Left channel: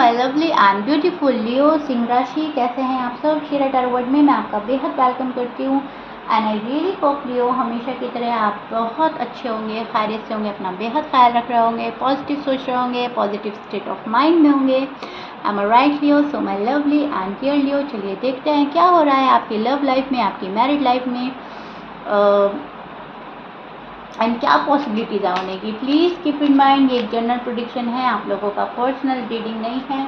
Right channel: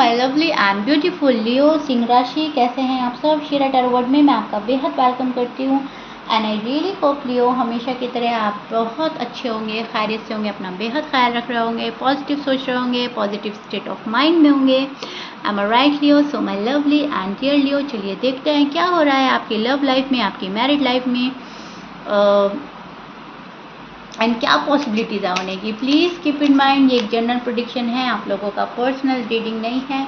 My lovely and beautiful लियो सिंह राशि, कैसे हैं आप सब। शेरा टैरो वर्ड में मैं आपका बेहद वेलकम करती हूँ एंड आई रियली होप लियो हमेशा की तरह आप बहुत अच्छे होंगे, खैरियत से होंगे, अपना बेहद ख्याल रख रहे होंगे, पॉजिटिव सोच रहे होंगे, पॉजिटिव स्टेट ऑफ माइंड में होंगे। I am right Leo, so my lovely and dear Leo, चलिए देखते हैं क्या हो रहा है आपकी लव लाइफ में, आपकी मैरिड लाइफ में एंड क्या पॉसिबिलिटीज है होने की। प्लीज़ कीप इन माइंड ये एक जनरल प्रेडिक्शन है, आप लोगों का पर्सनल रीडिंग नहीं है।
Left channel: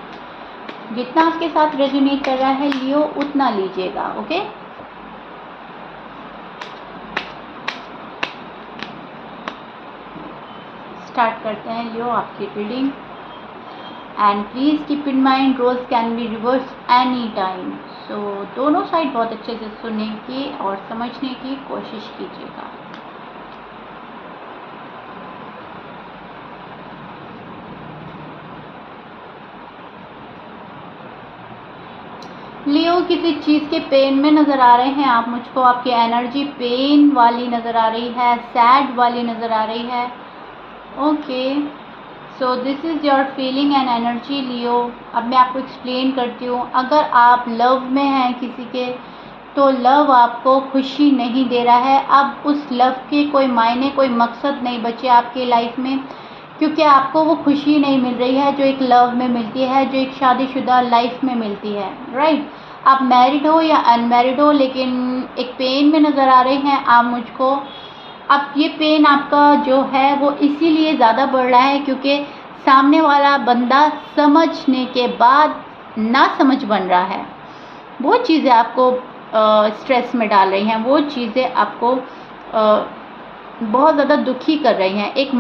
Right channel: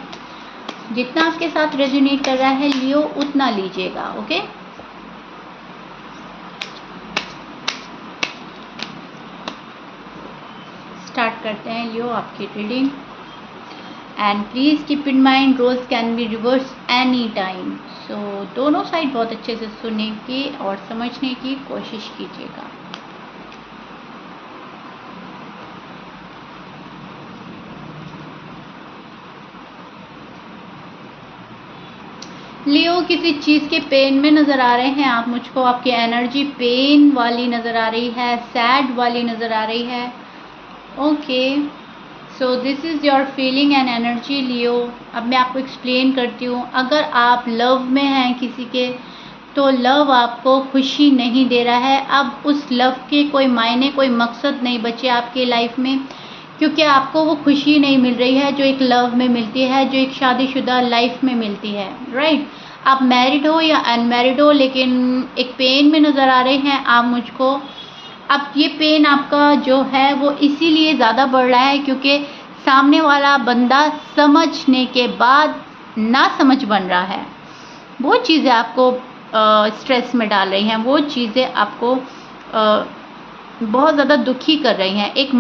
जितना आपके साथ रेजोनेट कर रहा है लियो उतना लीजिएगा, ओके। स्टार्ट करते हैं लियो आपकी reading and please keep in mind roles can be reverse any time. So दोनों साइड बहुत अच्छे से सुनने की और समझने की कोशिश कीजिएगा। लियो किसी चीज़ के पेन में नज़र आ रहे हैं आप मुझको, आपकी एनर्जी पेन वाली नज़र आ रही है, सैड वाली नज़र आ रही है। Okay, so this is your feeling and energy Leo. अब मैं आपको एक्सप्लेन करती हूँ। अगर आप लव में हैं किसी के, तो लव आपको खुशी नहीं दे रहा है। अब उस लव के कोई मायने, कोई मकसद नहीं बचे आपके लाइफ में, क्योंकि आपको वो खुशी नहीं मिल रही है जो एक लव में मिलती है, जो एक शादीशुदा लाइफ में मिलती है, राइट। आप मैरिड हो या अनमैरिड हो, लेकिन एक पेन में नज़र आ रहे हैं आप मुझको। अब ये पेन आपका जो है वो इसीलिए ज़्यादा बढ़ रहा है क्योंकि सामने वाला बंदा समझने के बाद ना समझ बन रहा है। वो चीज़ें आपको स्ट्रेस में डाल रही हैं, वो चीज़ें आपको बहुत ज़्यादा दुखी कर रही हैं। एक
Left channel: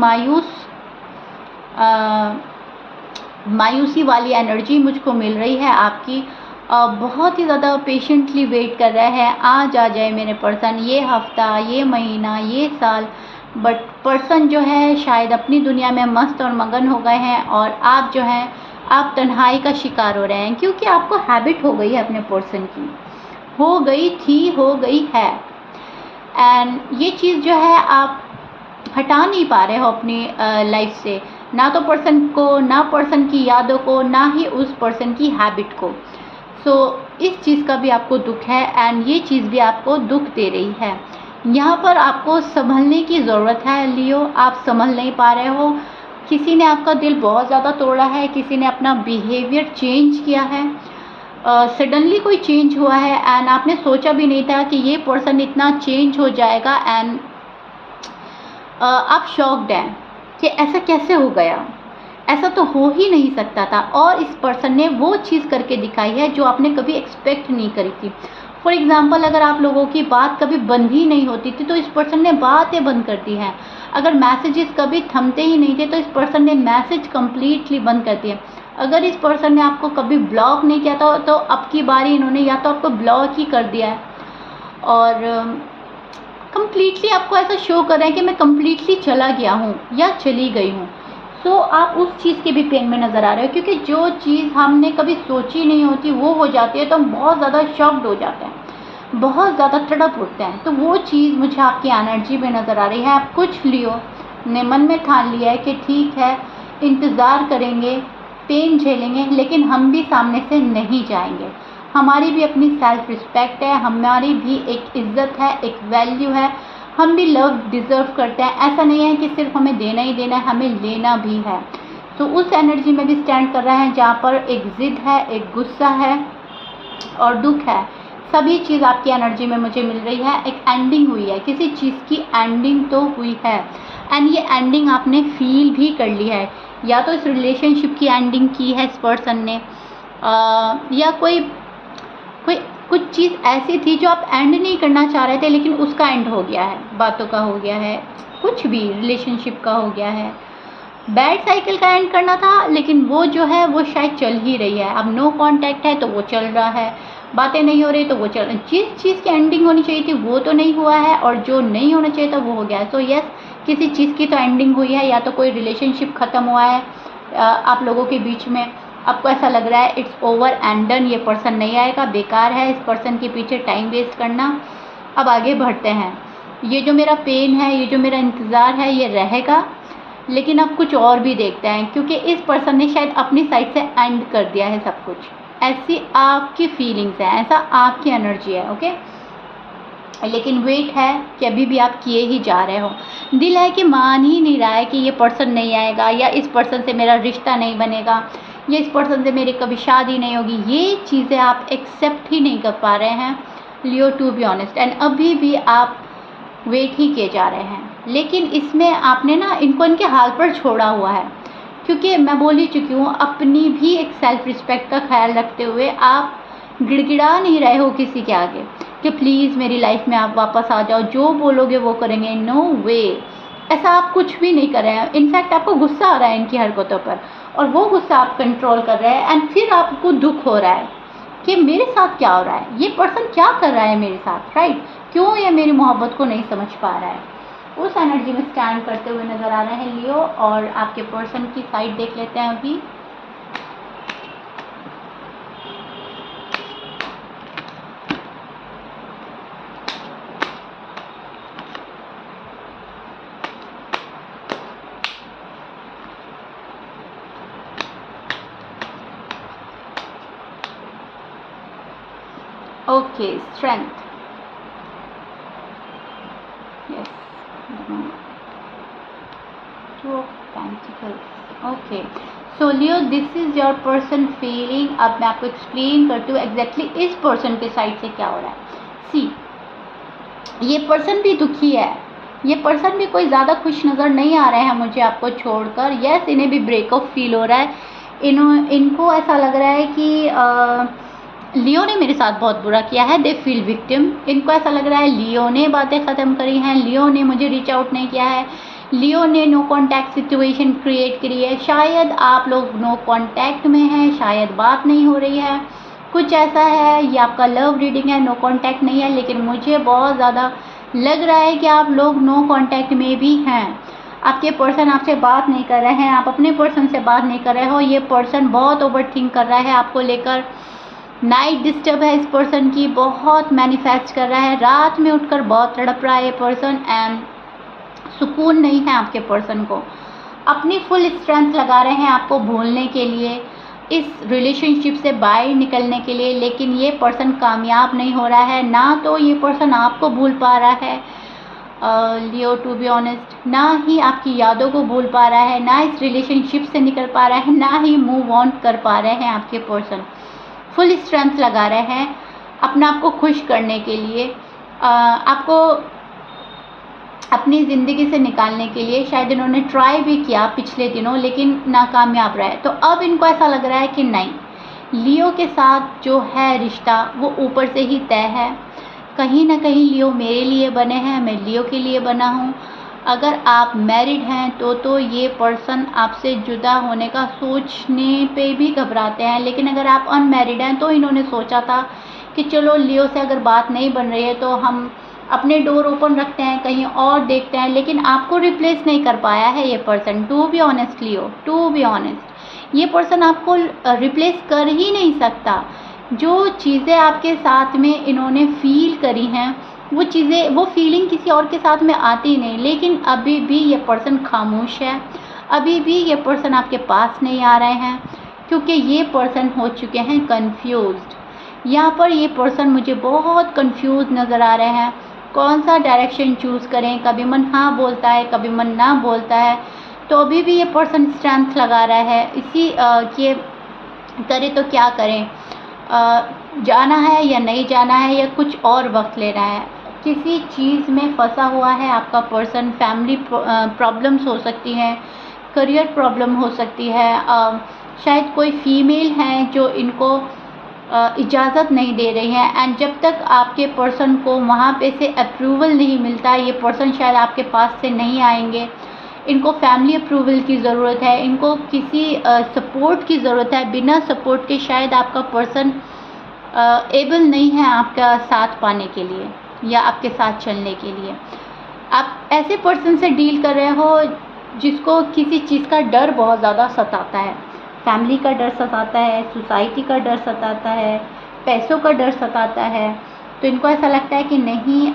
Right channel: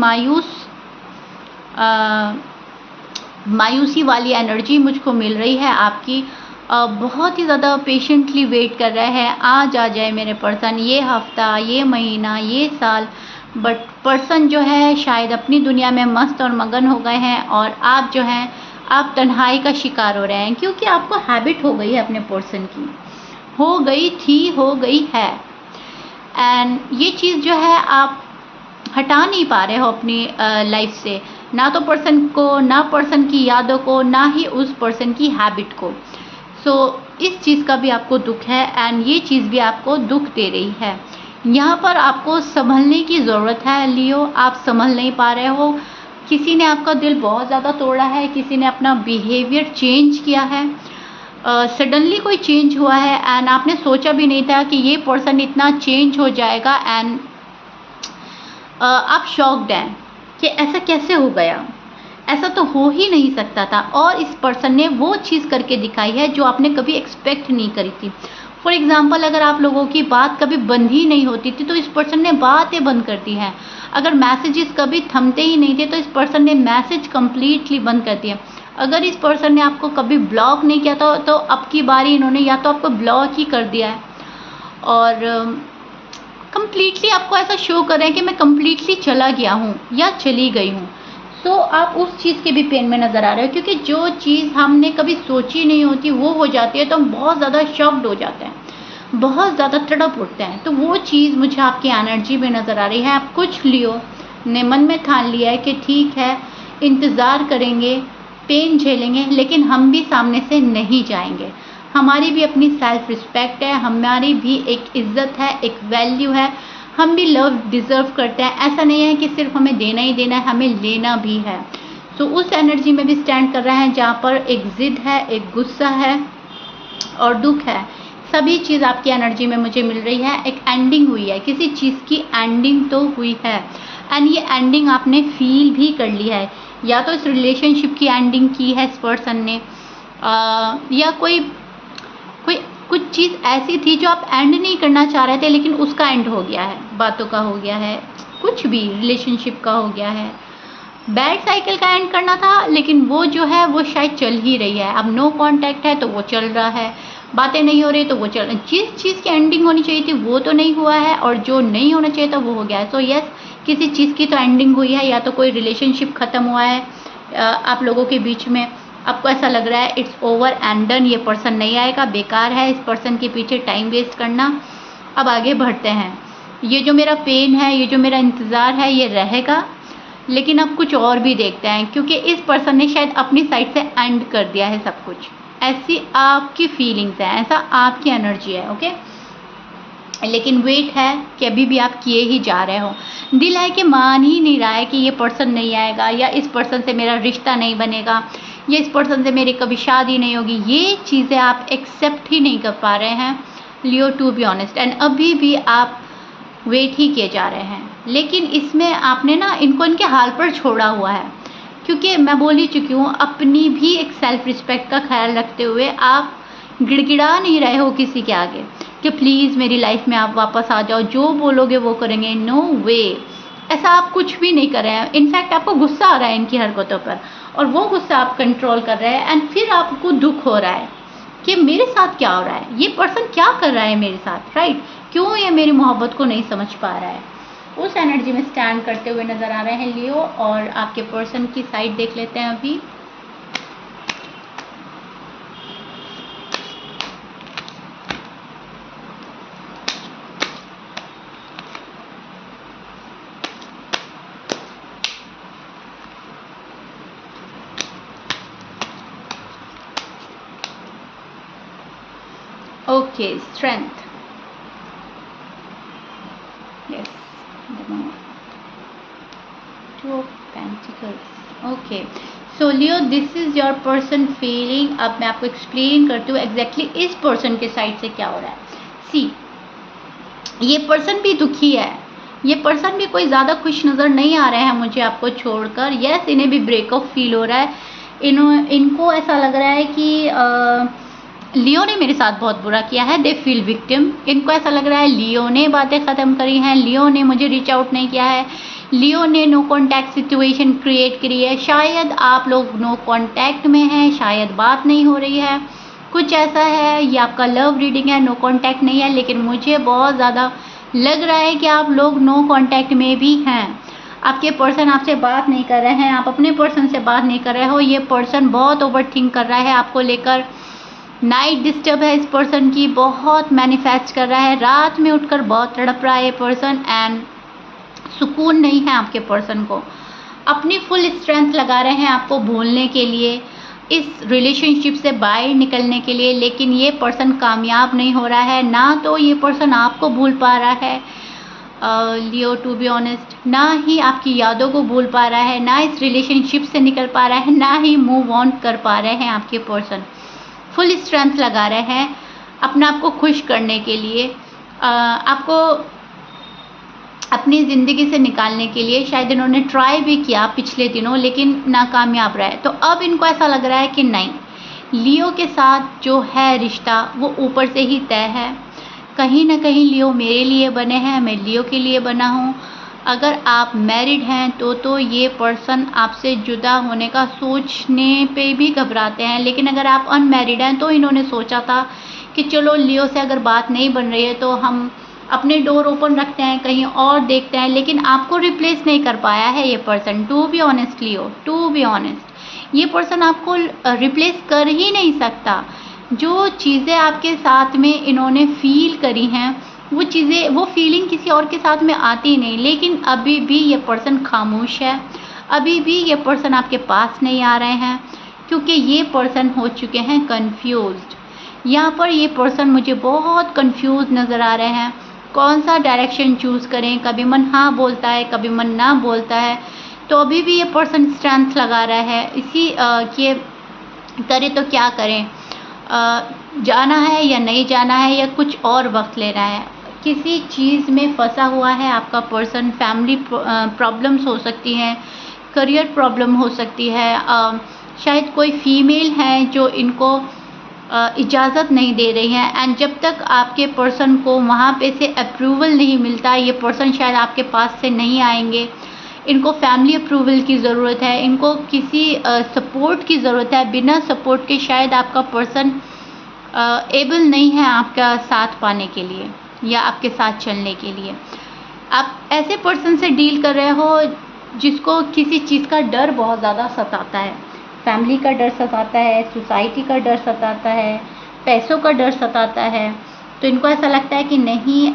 मायूसी वाली एनर्जी मुझको मिल रही है आपकी। बहुत ही ज़्यादा पेशेंटली वेट कर रहा है, आज आ जाए मेरे पर्सन, ये हफ्ता, ये महीना, ये साल। बट पर्सन जो है शायद अपनी दुनिया में मस्त और मगन हो गए हैं और आप जो हैं आप तन्हाई का शिकार हो रहे हैं, क्योंकि आपको हैबिट हो गई है अपने पर्सन की, हो गई थी, हो गई है। एंड ये चीज़ जो है आप हटा नहीं पा रहे हो अपनी लाइफ से, ना तो पर्सन को, ना पर्सन की यादों को, ना ही उस पर्सन की हैबिट को। सो इस चीज़ का भी आपको दुख है एंड ये चीज़ भी आपको दुख दे रही है। यहाँ पर आपको संभलने की ज़रूरत है लियो, आप संभल नहीं पा रहे हो। किसी ने आपका दिल बहुत ज़्यादा तोड़ा है, किसी ने अपना बिहेवियर चेंज किया है, सडनली कोई चेंज हुआ है एंड आपने सोचा भी नहीं था कि ये पर्सन इतना चेंज हो जाएगा एंड आप शॉक्ड हैं कि ऐसा कैसे हो गया, ऐसा तो हो ही नहीं सकता था। और इस पर्सन ने वो चीज़ करके दिखाई है जो आपने कभी एक्सपेक्ट नहीं करी थी। फॉर एग्ज़ाम्पल, अगर आप लोगों की बात कभी बंद ही नहीं होती थी तो इस पर्सन ने बातें बंद कर दी हैं। अगर मैसेजेस कभी थमते ही नहीं थे तो इस पर्सन ने मैसेज कम्प्लीटली बंद कर दिया। अगर इस पर्सन ने आपको कभी ब्लॉक नहीं किया था तो अब की बारी इन्होंने या तो आपको ब्लॉक ही कर दिया है और कम्प्लीटली आपको ऐसा शो कर रहे हैं कि मैं कम्प्लीटली चला गया हूँ या चली गई हूँ। तो आप उस चीज़ के भी पेन में नज़र आ रहे हो, क्योंकि जो चीज़ हमने कभी सोची नहीं होती वो हो जाती है तो हम बहुत ज़्यादा शॉक्ड हो जाते हैं, बहुत ज़्यादा तड़प उठते हैं। तो वो चीज़ मुझे आपकी एनर्जी में नज़र आ रही है। आप कुछ लियो ने मन में ठान लिया है कि ठीक है, इंतज़ार करेंगे, पेन झेलेंगे, लेकिन हम भी सामने से नहीं जाएंगे। हमारी भी अपनी सेल्फ रिस्पेक्ट है, हमारी भी एक इज़्ज़त है, एक वैल्यू है, हम भी लव डिज़र्व करते हैं। ऐसा नहीं है कि सिर्फ हमें देना ही देना है, हमें लेना भी है। तो उस एनर्जी में भी स्टैंड कर रहा है जहाँ पर एक ज़िद है, एक गुस्सा है और दुख है। सभी चीज़ आपकी एनर्जी में मुझे मिल रही है। एक एंडिंग हुई है, किसी चीज़ की एंडिंग तो हुई है एंड ये एंडिंग आपने फील भी कर ली है। या तो इस रिलेशनशिप की एंडिंग की है इस पर्सन ने, या कोई कुछ चीज़ ऐसी थी जो आप एंड नहीं करना चाह रहे थे लेकिन उसका एंड हो गया है, बातों का हो गया है, कुछ भी रिलेशनशिप का हो गया है। बैड साइकिल का एंड करना था लेकिन वो जो है वो शायद चल ही रही है। अब नो कांटेक्ट है तो वो चल रहा है, बातें नहीं हो रही तो वो चल रही। जिस चीज़ की एंडिंग होनी चाहिए थी वो तो नहीं हुआ है और जो नहीं होना चाहिए था वो हो गया है। सो यस, किसी चीज़ की तो एंडिंग हुई है, या तो कोई रिलेशनशिप ख़त्म हुआ है आप लोगों के बीच में। आपको ऐसा लग रहा है इट्स ओवर एंड डन, ये पर्सन नहीं आएगा, बेकार है इस पर्सन के पीछे टाइम वेस्ट करना। अब आगे बढ़ते हैं। ये जो मेरा पेन है, ये जो मेरा इंतज़ार है, ये रहेगा लेकिन अब कुछ और भी देखते हैं, क्योंकि इस पर्सन ने शायद अपनी साइड से एंड कर दिया है सब कुछ। ऐसी आपकी फीलिंग्स है, ऐसा आपकी एनर्जी है, ओके। लेकिन वेट है कि अभी भी आप किए ही जा रहे हो। दिल है कि मान ही नहीं रहा है कि ये पर्सन नहीं आएगा, या इस पर्सन से मेरा रिश्ता नहीं बनेगा, या इस पर्सन से मेरी कभी शादी नहीं होगी। ये चीज़ें आप एक्सेप्ट ही नहीं कर पा रहे हैं लियो, टू बी ऑनेस्ट। एंड अभी भी आप वेट ही किए जा रहे हैं। लेकिन इसमें आपने ना इनको इनके हाल पर छोड़ा हुआ है, क्योंकि मैं बोल ही चुकी हूँ, अपनी भी एक सेल्फ रिस्पेक्ट का ख्याल रखते हुए आप गिड़गिड़ा नहीं रहे हो किसी के आगे कि प्लीज़ मेरी लाइफ में आप वापस आ जाओ, जो बोलोगे वो करेंगे। नो वे, ऐसा आप कुछ भी नहीं कर रहे हैं। इनफैक्ट आपको गुस्सा आ रहा है इनकी हरकतों पर, और वो गुस्सा आप कंट्रोल कर रहे हैं। एंड फिर आपको दुख हो रहा है कि मेरे साथ क्या हो रहा है, ये पर्सन क्या कर रहा है मेरे साथ, राइट? क्यों ये मेरी मोहब्बत को नहीं समझ पा रहा है। उस एनर्जी में स्टैंड करते हुए नज़र आ रहे हैं लियो। और आपके पर्सन की साइड देख लेते हैं अभी। Okay, strength, yes, two of pentacles. Okay, so Leo, this is your person feeling. अब मैं आपको एक्सप्लेन करती हूँ एग्जैक्टली इस पर्सन के साइड से क्या हो रहा है। सी, ये पर्सन भी दुखी है, ये पर्सन भी कोई ज़्यादा खुश नज़र नहीं आ रहे हैं मुझे आपको छोड़कर। यस, इन्हें भी ब्रेकअप फील हो रहा है। इनको ऐसा लग रहा है कि लियो ने मेरे साथ बहुत बुरा किया है। They feel victim. इनको ऐसा लग रहा है लियो ने बातें ख़त्म करी हैं, लियो ने मुझे रीच आउट नहीं किया है, लियो ने नो कांटेक्ट सिचुएशन क्रिएट करी है। शायद आप लोग नो कांटेक्ट में हैं, शायद बात नहीं हो रही है, कुछ ऐसा है। ये आपका लव रीडिंग है, नो कांटेक्ट नहीं है। लेकिन मुझे बहुत ज़्यादा लग रहा है कि आप लोग नो कांटेक्ट में भी हैं। आपके पर्सन आपसे बात नहीं कर रहे हैं, आप अपने पर्सन से बात नहीं कर रहे हो। ये पर्सन बहुत ओवर थिंक कर रहा है आपको लेकर। नाइट डिस्टर्ब है इस पर्सन की, बहुत मैनिफेस्ट कर रहा है, रात में उठकर बहुत तड़प रहा है ये पर्सन। एंड सुकून नहीं है आपके पर्सन को। अपनी फुल स्ट्रेंथ लगा रहे हैं आपको भूलने के लिए, इस रिलेशनशिप से बाहर निकलने के लिए। लेकिन ये पर्सन कामयाब नहीं हो रहा है। ना तो ये पर्सन आपको भूल पा रहा है लियो, टू बी ऑनेस्ट, ना ही आपकी यादों को भूल पा रहा है, ना इस रिलेशनशिप से निकल पा रहा है, ना ही मूव ऑन कर पा रहे हैं आपके पर्सन। फुल स्ट्रेंथ लगा रहे हैं अपना आपको खुश करने के लिए, आपको अपनी ज़िंदगी से निकालने के लिए। शायद इन्होंने ट्राई भी किया पिछले दिनों, लेकिन नाकामयाब रहा है। तो अब इनको ऐसा लग रहा है कि नहीं, लियो के साथ जो है रिश्ता वो ऊपर से ही तय है। कहीं ना कहीं लियो मेरे लिए बने हैं, मैं लियो के लिए बना हूँ। अगर आप मैरिड हैं तो ये पर्सन आपसे जुदा होने का सोचने पे भी घबराते हैं। लेकिन अगर आप अनमैरिड हैं तो इन्होंने सोचा था कि चलो लियो से अगर बात नहीं बन रही है तो हम अपने डोर ओपन रखते हैं, कहीं और देखते हैं। लेकिन आपको रिप्लेस नहीं कर पाया है ये person, to be honest Leo, to be honest. ये पर्सन आपको रिप्लेस कर ही नहीं सकता। जो चीज़ें आपके साथ में इन्होंने फील करी हैं वो चीज़ें, वो फीलिंग किसी और के साथ में आती नहीं। लेकिन अभी भी ये पर्सन खामोश है, अभी भी ये पर्सन आपके पास नहीं आ रहे हैं, क्योंकि ये पर्सन हो चुके हैं कंफ्यूज्ड। यहाँ पर ये पर्सन मुझे बहुत कंफ्यूज नज़र आ रहे हैं, कौन सा डायरेक्शन चूज़ करें। कभी मन हाँ बोलता है, कभी मन ना बोलता है। तो अभी भी ये पर्सन स्ट्रेंथ लगा रहा है इसी कि करें तो क्या करें, जाना है या नहीं जाना है, या कुछ और वक्त लेना है। किसी चीज़ में फंसा हुआ है आपका पर्सन। फैमिली प्रॉब्लम्स हो सकती हैं, करियर प्रॉब्लम हो सकती है, शायद कोई फीमेल है जो इनको इजाज़त नहीं दे रही है। एंड जब तक आपके पर्सन को वहाँ पे से अप्रूवल नहीं मिलता, ये पर्सन शायद आपके पास से नहीं आएंगे। इनको फैमिली अप्रूवल की ज़रूरत है, इनको किसी सपोर्ट की ज़रूरत है। बिना सपोर्ट के शायद आपका पर्सन एबल नहीं है आपका साथ पाने के लिए या आपके साथ चलने के लिए। आप ऐसे पर्सन से डील कर रहे हो जिसको किसी चीज़ का डर बहुत ज़्यादा सताता है। फैमिली का डर सताता है, सोसाइटी का डर सताता है, पैसों का डर सताता है। तो इनको ऐसा लगता है कि नहीं,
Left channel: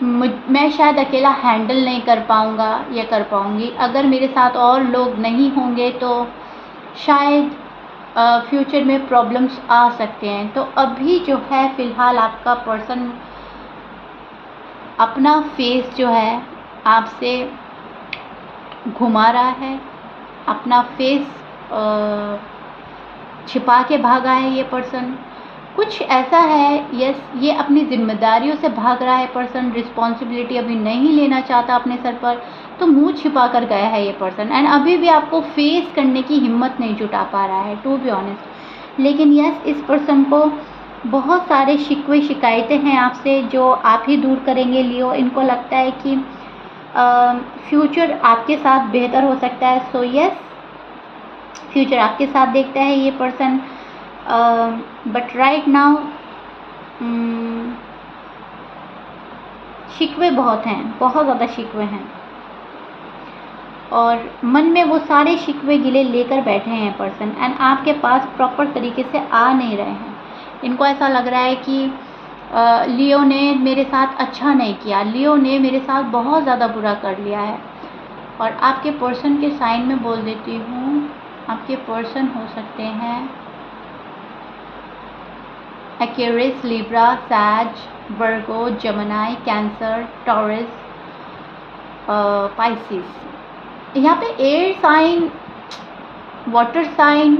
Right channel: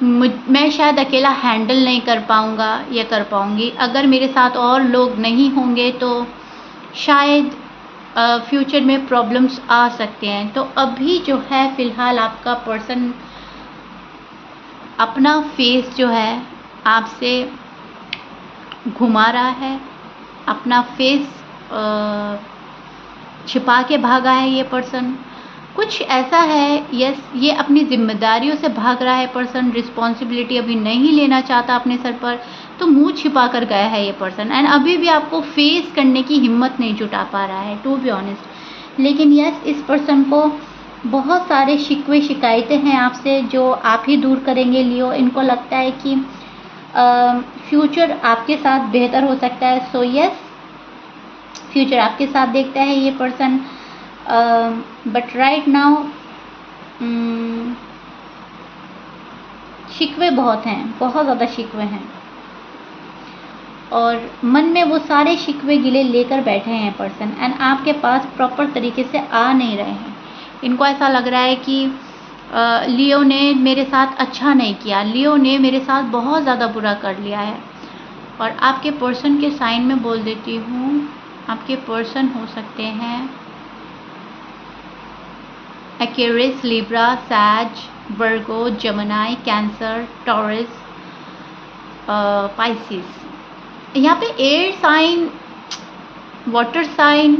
मैं शायद अकेला हैंडल नहीं कर पाऊँगा या कर पाऊँगी। अगर मेरे साथ और लोग नहीं होंगे तो शायद फ्यूचर में प्रॉब्लम्स आ सकते हैं। तो अभी जो है फ़िलहाल आपका पर्सन अपना फेस जो है आपसे घुमा रहा है, अपना फेस छिपा के भागा है ये पर्सन। कुछ ऐसा है, यस, ये अपनी ज़िम्मेदारियों से भाग रहा है पर्सन, रिस्पॉन्सिबिलिटी अभी नहीं लेना चाहता अपने सर पर, तो मुँह छिपा कर गया है ये पर्सन एंड अभी भी आपको फेस करने की हिम्मत नहीं जुटा पा रहा है, टू बी ऑनेस्ट। लेकिन यस, इस पर्सन को बहुत सारे शिकवे शिकायतें हैं आपसे जो आप ही दूर करेंगे लियो। इनको लगता है कि फ्यूचर आपके साथ बेहतर हो सकता है। सो यस, फ्यूचर आपके साथ देखता है ये पर्सन, बट राइट नाउ शिकवे बहुत हैं, बहुत ज़्यादा शिकवे हैं और मन में वो सारे शिकवे गिले लेकर बैठे हैं पर्सन एंड आपके पास प्रॉपर तरीके से आ नहीं रहे हैं। इनको ऐसा लग रहा है कि लियो ने मेरे साथ अच्छा नहीं किया, लियो ने मेरे साथ बहुत ज़्यादा बुरा कर लिया है। और आपके पर्सन के साइन में बोल देती हूँ, आपके पर्सन हो सकते हैं एक्वेरियस, लिब्रा, सैज, Virgo, Gemini, Cancer, Taurus, Pisces. यहाँ पे air sign, water sign,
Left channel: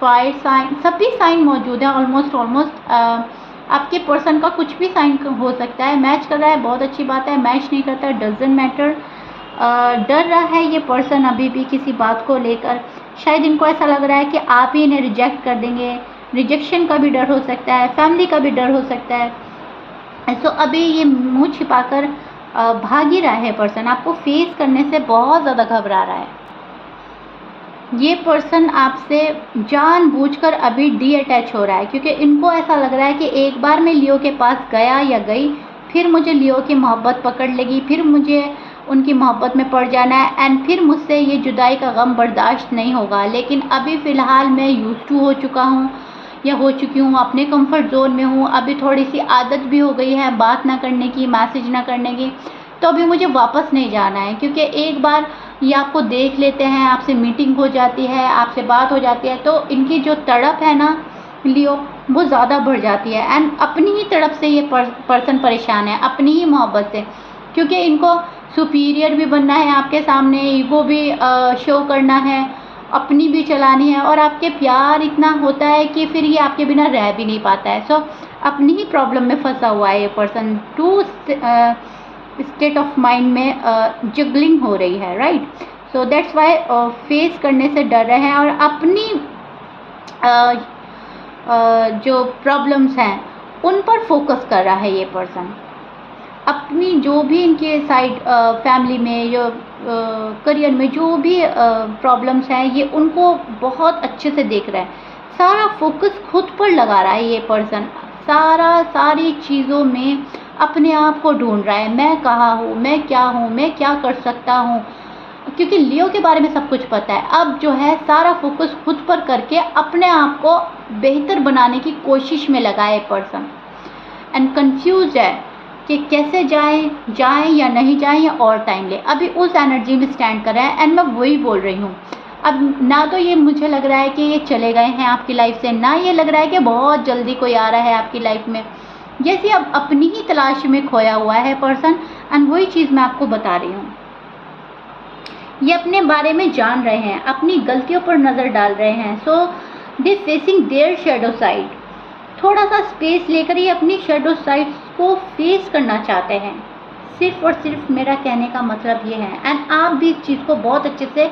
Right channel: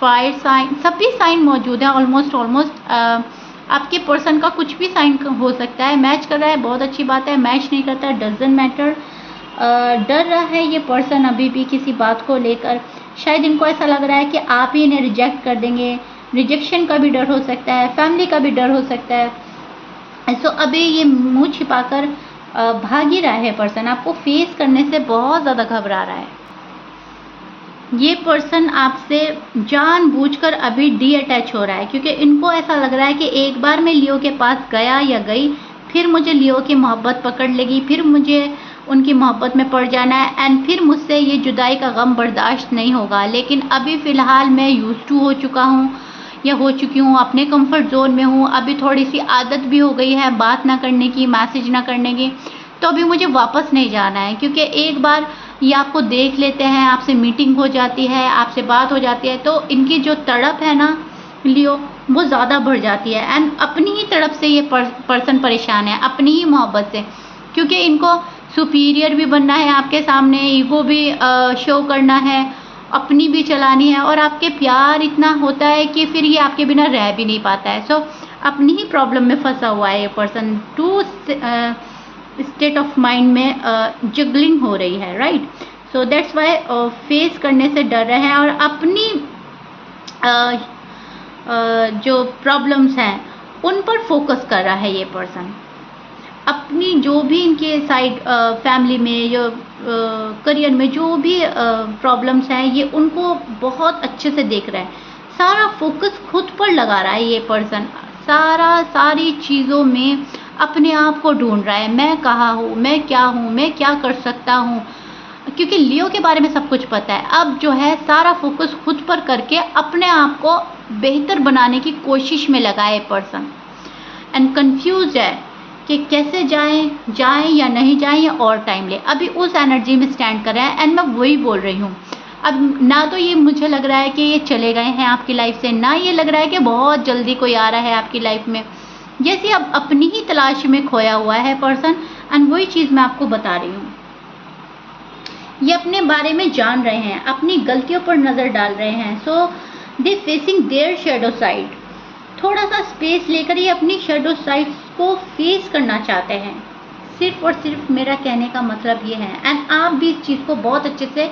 fire sign, सभी साइन मौजूद है। ऑलमोस्ट आपके पर्सन का कुछ भी साइन हो सकता है। मैच कर रहा है, बहुत अच्छी बात है। मैच नहीं करता, डजंट मैटर। डर रहा है ये पर्सन अभी भी किसी बात को लेकर। शायद इनको ऐसा लग रहा है कि आप ही इन्हें रिजेक्ट कर देंगे। रिजेक्शन का भी डर हो सकता है, फैमिली का भी डर हो सकता है। सो अभी ये मुंह छिपाकर भाग ही रहा है पर्सन, आपको फेस करने से बहुत ज़्यादा घबरा रहा है। ये पर्सन आपसे जानबूझकर अभी डी अटैच हो रहा है क्योंकि इनको ऐसा लग रहा है कि एक बार मैं लियो के पास गया या गई, फिर मुझे लियो की मोहब्बत पकड़ लेगी, फिर मुझे उनकी मोहब्बत में पड़ जाना है एंड फिर मुझसे ये जुदाई का गम बर्दाश्त नहीं होगा। लेकिन अभी फ़िलहाल मैं यूज़ टू हो चुका हूँ या हो चुकी हूँ, अपने कंफर्ट जोन में हूँ। अभी थोड़ी सी आदत भी हो गई है बात ना करने की, मैसेज ना करने की। तो अभी मुझे वापस नहीं जाना है क्योंकि एक बार ये आपको देख लेते हैं, आपसे मीटिंग हो जाती है, आपसे बात हो जाती है, तो इनकी जो तड़प है ना लियो, वो ज़्यादा बढ़ जाती है एंड अपनी ही तड़प से ये पर्सन परेशान है, अपनी ही मोहब्बत से। क्योंकि इनको सुपीरियर भी बनना है आपके सामने, ईगो भी शो करना है, अपनी भी चलानी है और आपके प्यार इतना होता है कि फिर ये आपके बिना रह भी नहीं पाता है। सो अपनी ही प्रॉब्लम में फंसा हुआ है ये person. Two state of mind में जगलिंग हो रही है, right. So that's why face करने से डर रहे हैं और अपनी जो प्रॉब्लम्स हैं उन पर फोकस कर रहा है ये पर्सन। अपनी जो भी इनके साइड फैमिली में या करियर में जो भी प्रॉब्लम्स हैं ये उनको बहुत अच्छे से देख रहा है। सारा फोकस खुद पर लगा रहा है ये पर्सन, सारी चीज़ों में अपने आप को ढूंढ रहा है। मैं कहाँ हूँ, मैं क्या हूँ, मैं क्या कर सकता हूँ, क्योंकि लियो के बारे में सब कुछ पता है। अब जो है सारा फोकस खुद पर करके अपने आप को बेहतर बनाने की कोशिश में लगा है पर्सन एंड कंफ्यूज है कि कैसे जाएं या नहीं जाएं या और टाइम ले। अभी उस एनर्जी में स्टैंड कर रहा है एंड मैं वही बोल रही हूँ। अब ना तो ये मुझे लग रहा है कि ये चले गए हैं आपकी लाइफ से, ना ये लग रहा है कि बहुत जल्दी कोई आ रहा है आपकी लाइफ में। जैसे अब अपनी ही तलाश में खोया हुआ है पर्सन एंड वही चीज़ मैं आपको बता रही हूँ। ये अपने बारे में जान रहे हैं, अपनी गलतियों पर नज़र डाल रहे हैं। सो दे फेसिंग देयर शैडो साइड। थोड़ा सा स्पेस लेकर ये अपनी शैडो साइड को फेस करना चाहते हैं। सिर्फ और सिर्फ मेरा कहने का मतलब ये है एंड आप भी इस चीज़ को बहुत अच्छे से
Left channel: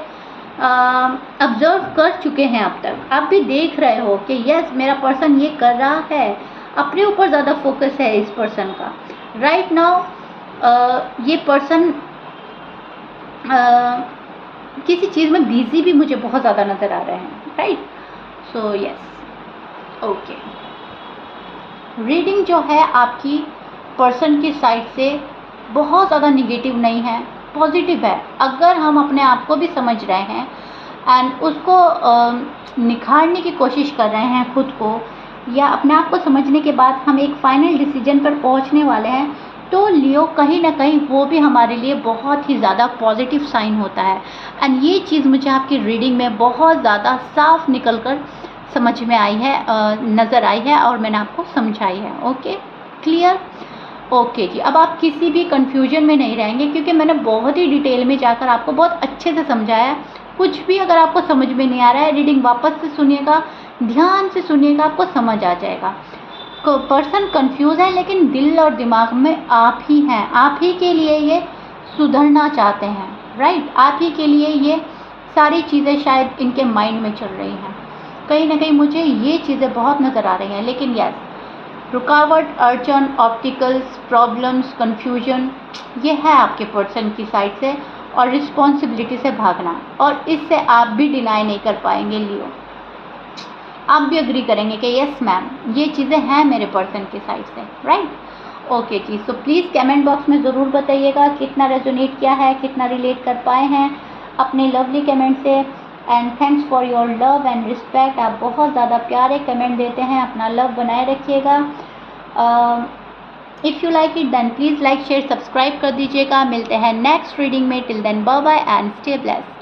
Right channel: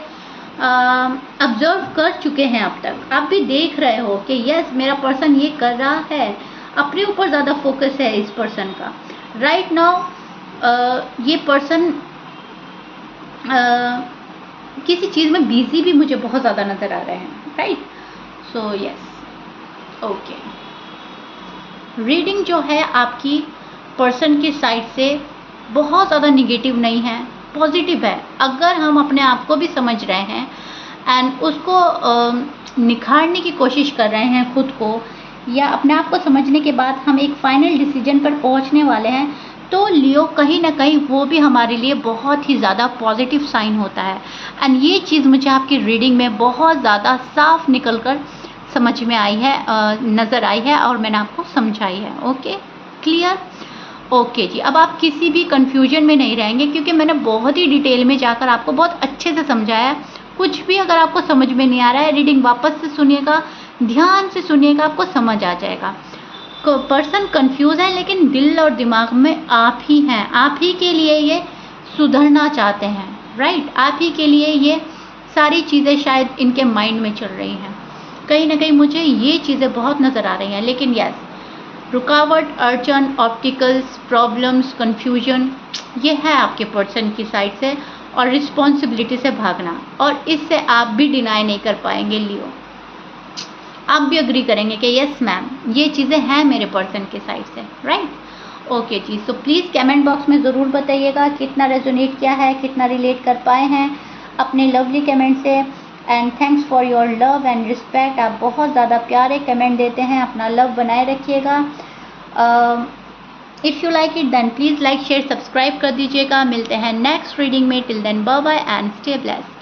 ऑब्जर्व कर चुके हैं अब तक। आप भी देख रहे हो कि यस मेरा पर्सन ये कर रहा है, अपने ऊपर ज़्यादा फोकस है इस पर्सन का। राइट नाउ ये पर्सन किसी चीज़ में बिजी भी मुझे बहुत ज़्यादा नज़र आ रहे हैं, right. So yes, okay. Reading जो है आपकी पर्सन की साइड से बहुत ज़्यादा निगेटिव नहीं है, पॉजिटिव है। अगर हम अपने आप को भी समझ रहे हैं एंड उसको निखारने की कोशिश कर रहे हैं खुद को, या अपने आप को समझने के बाद हम एक फाइनल डिसीजन पर पहुंचने वाले हैं, तो लियो कहीं ना कहीं वो भी हमारे लिए बहुत ही ज़्यादा पॉजिटिव साइन होता है। एंड ये चीज़ मुझे आपकी रीडिंग में बहुत ज़्यादा साफ निकल कर समझ में आई है, नज़र आई है और मैंने आपको समझाई है। Okay, clear? ओके जी, अब आप किसी भी कन्फ्यूजन में नहीं रहेंगे क्योंकि मैंने बहुत ही डिटेल में जाकर आपको बहुत अच्छे से समझाया। कुछ भी अगर आपको समझ में नहीं आ रहा है, रीडिंग वापस से सुनिएगा, ध्यान से सुनिएगा, आपको समझ आ जाएगा। पर्सन कंफ्यूज है लेकिन दिल और दिमाग में आप ही हैं, आप ही के लिए ये सुधरना चाहते हैं, राइट? आप ही के लिए ये सारी चीज़ें शायद इनके माइंड में चल रही हैं। कहीं ना कहीं मुझे ये चीज़ें बहुत नज़र आ रही हैं, लेकिन यस, रुकावट, अड़चन, ऑब्स्टिकल्स, प्रॉब्लम्स, कन्फ्यूजन, ये है आपके पर्सन की साइड से, और रिस्पॉन्सिबिलिटी से भागना, और इससे आप भी डिनाई नहीं कर पाएंगे लियो। आप भी अग्री करेंगे कि यस मैम, ये चीज़ें हैं मेरे पर्सन के साइड से, राइट? ओके जी, सो प्लीज़ कमेंट बॉक्स में ज़रूर बताइएगा कितना रेजोनेट किया है, कितना रिलेट कर पाए हैं अपने लवली कमेंट से। And thanks for your love and respect. आप बहुत ज़्यादा प्यारे कमेंट देते हैं, अपना लव बनाए रखिएगा। If you like it then please like share subscribe कर दीजिएगा। मिलते हैं नेक्स्ट रीडिंग में। Till then bye bye and stay blessed.